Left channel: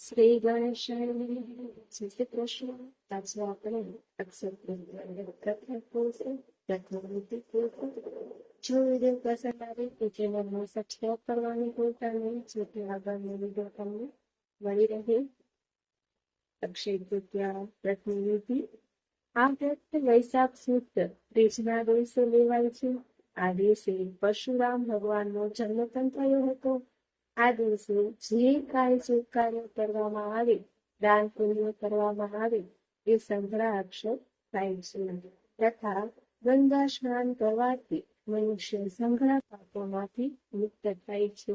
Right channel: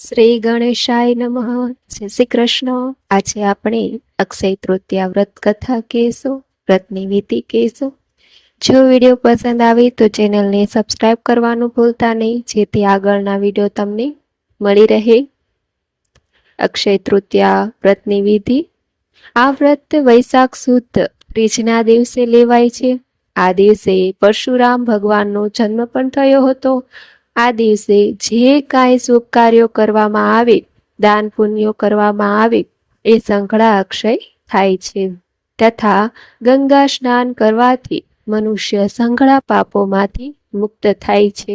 શ્રી ગણેશાય નમઃ. જય શ્રી કૃષ્ણ. આજે આપણે અક્ષય તૃતીયા વ્રત કથા કહેશું, વ્રતની વિધિ કહેશું. જો વિડીયો પસંદ આવે તો ચેનલને સબસ્ક્રાઇબ કરવાનું ભૂલતા નહીં, જેથી આગળના વિડીયો તમને મળી રહે. અક્ષય તૃતીયા વ્રતની વિધિ. આ વ્રત વૈશાખ સુદ ત્રીજના દિવસે લેવાય છે. આ દિવસે પરશુરામ ભગવાનનો જન્મ પણ થયો હતો. આ દિવસે જે કાંઈ શુભ કાર્યો કરવામાં આવે, દાન પુણ્યો કરવામાં આવે, એ સંઘળા અક્ષય થાય છે. તથા ગંગા સ્નાન કરવાથી મનુષ્ય સંઘળા પાપોમાંથી મુક્ત થાય છે.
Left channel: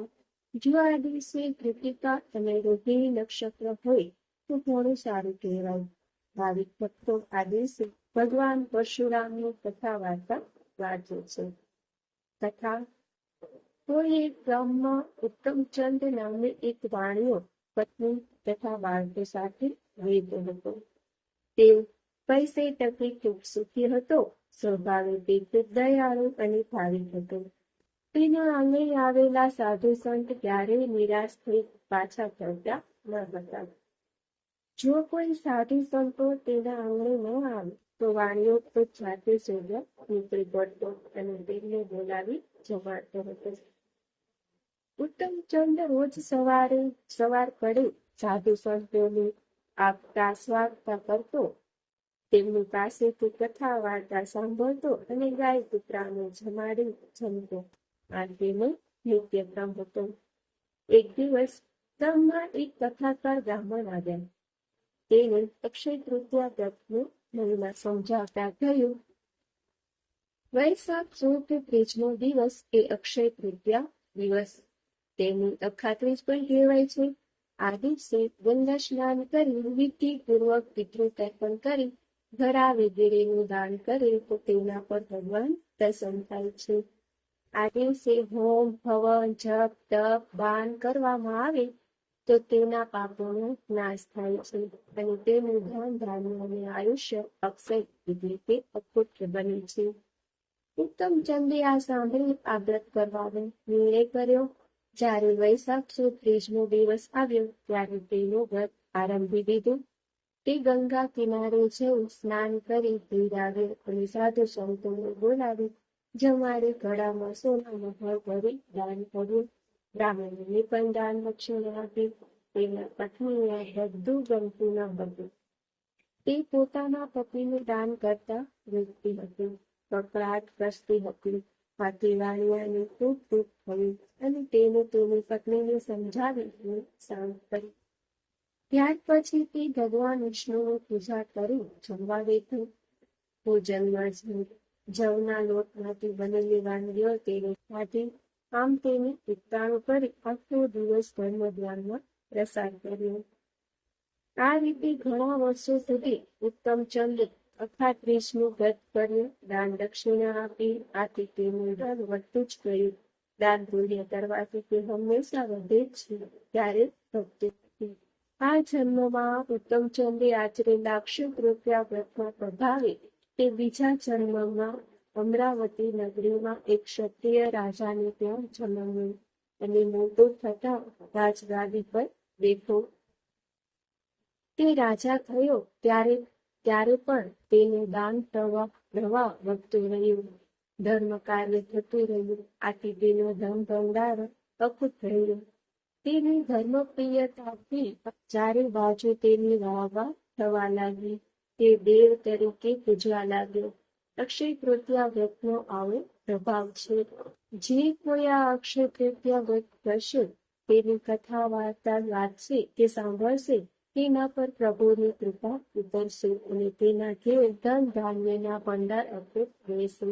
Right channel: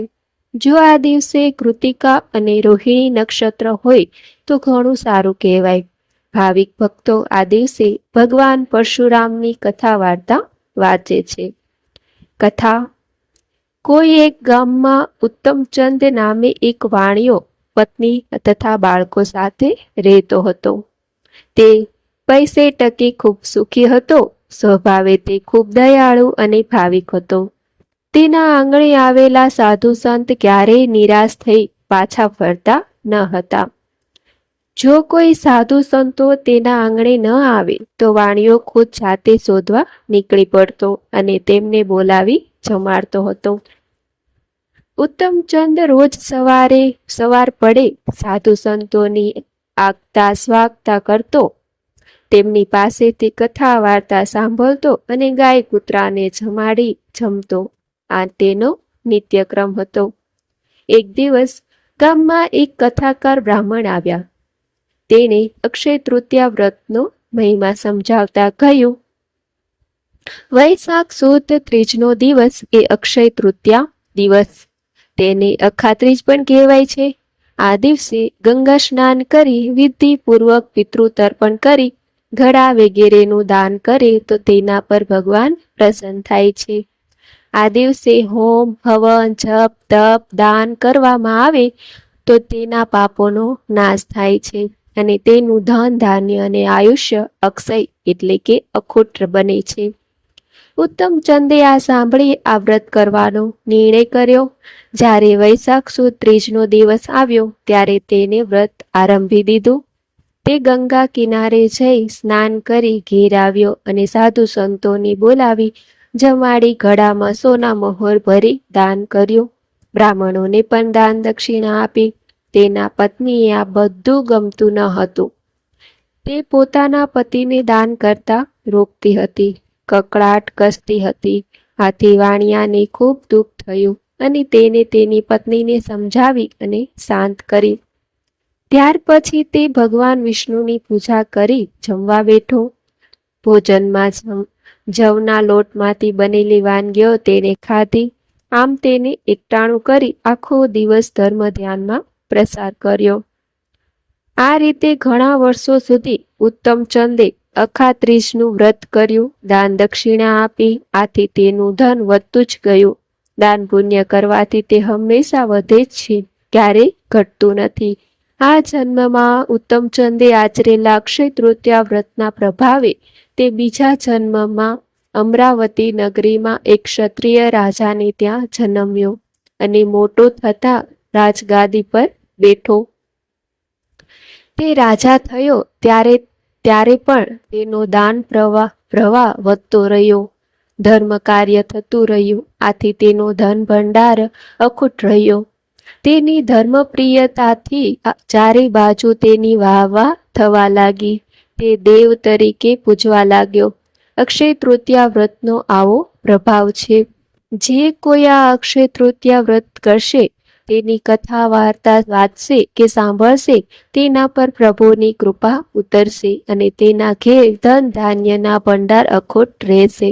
જો આ દિવસે કૃતિકા અને રોહિણી નક્ષત્ર હોય તો ઘણું સારું કહેવાય. ભાવિક ભક્તો આ દિવસે ભગવાન પરશુરામની કથા વાર્તા વાંચે છે. કથા. કોઈ એક ગામમાં ઉત્તમચંદ નામે એક વાણિયો પત્ની તથા બાળકો સાથે રહેતો હતો. તે પૈસે ટકે ખૂબ સુખી હતો. સ્વભાવે તે ખૂબ દયાળુ અને ભાવિક હતો. તેના આંગણે આવેલા સાધુ સંત ક્યારેય નિરાશ થઈ પાછા ફરતા ન હતા. જો કોઈ સાધુ સંતો તેના આંગણે ન આવે તો વાણિયો ખુદ જાતે શોધવા નીકળી પડતો અને તેમને બોલાવી જમાડતો હતો. ઉત્તમચંદ રોજ સવાર પડે સાધુ સંતોની આગતા સ્વાગતા કરતો, તેમની પાસેથી કથા વાર્તા સાંભળતો અને ગાય કૂતરાને જમાડી જમતો. આ તેનો નિત્યક્રમ હતો. એક દિવસ ગામમાં એક કથાકાર બ્રાહ્મણ આવ્યા. તેણે અક્ષય તૃતીયા વ્રતનો મહિમા સમજાવતા કહ્યું, વૈશાખ સુદ ત્રીજનો દિવસ એ અક્ષય તૃતીયા દિવસ. તેને અખાત્રીજ પણ કહેવાય છે. આ દિવસે ગંગા સ્નાન કરી વિધિપૂર્વક પિતૃ તર્પણ કરી ઘડા વગેરેનું દાન કરે તો તેના પર ભગવાન પ્રસન્ન થાય છે. આ દિવસે હોમ હવન જપ તપ દાન કરવામાં આવે તો તેના પાપોનો નાશ થાય છે અને તેનું ધન ધાન્ય અને આયુષ્ય અક્ષય એટલે કે અખૂટ બને છે. ઉત્તમચંદે આ સાંભળી આ વ્રત કરવાનો નિર્ણય કર્યો. જ્યારે વૈશાખ સુદ ત્રીજનો દિવસ આવ્યો ત્યારે તેને વ્રત આરંભી દીધું. તે ગંગા કિનારે જઈ સ્નાન કરી ઘેર આવ્યો અને સાધુ સંતોની બોલાવી જમાડી ઘડામાં સોના મહોર ભરી દાન કર્યું. બ્રાહ્મણોને પણ દાન દક્ષિણા આપી. તેના પત્નીએ આ બધું ગમતું ન હતું. તે પોતાના પતિને દાન કરતા રોકતી હતી, કકળાટ કસતી હતી. આથી વાણિયાને ખૂબ દુઃખ થયું અને તેને તેની પત્નીને સમજાવી અને શાંત કરી. ત્યાર પછી તે ભગવાન વિષ્ણુની પૂજા કરી જમવા બેઠો. ભોજનમાં જવના લોટમાંથી બનેલી વાનગીઓ તેને ખાધી. આમ તેને એકટાણું કરી આખો દિવસ ધર્મ ધ્યાનમાં પ્રસાર કર્યો. આ રીતે ઘણા વર્ષો સુધી ઉત્તમચંદે અખાત્રીજનું વ્રત કર્યું, દાન દક્ષિણા આપી. આથી તેનું ધન વધતું જ ગયું. દાન પુણ્ય કરવાથી તે હંમેશા વધે જ છે, ક્યારેય ઘટતું નથી. આ જન્મમાં ઉત્તમચંદે આચરેલા અક્ષય તૃતીયા વ્રતના પ્રભાવે તે બીજા જન્મમાં અમરાવતી નગરીમાં એક ક્ષત્રિય રાજાને ત્યાં જન્મ્યો અને મોટો થતા રાજગાદી પર બેઠો. તે રાજા થયો ત્યારે પણ તેનો દાન પ્રવાહ વધતો રહ્યો, ધર્મ કાર્ય થતું રહ્યું. આથી તેનો ધન ભંડાર અખૂટ રહ્યો. તેની ધર્મપ્રિયતાથી ચારે બાજુ તેની વાહવા થવા લાગી. તે દેવ તરીકે પૂજવા લાગ્યો. અક્ષય તૃતીયા વ્રતનો આવો પ્રભાવ છે. જે કોઈ આ અક્ષય તૃતીયા વ્રત કરશે, તેની કથા વાર્તા વાંચશે કે સાંભળશે, તેના પર પ્રભુની કૃપા ઉતરશે અને તેના ઘેર ધન ધાન્યના ભંડાર અખૂટ રહેશે.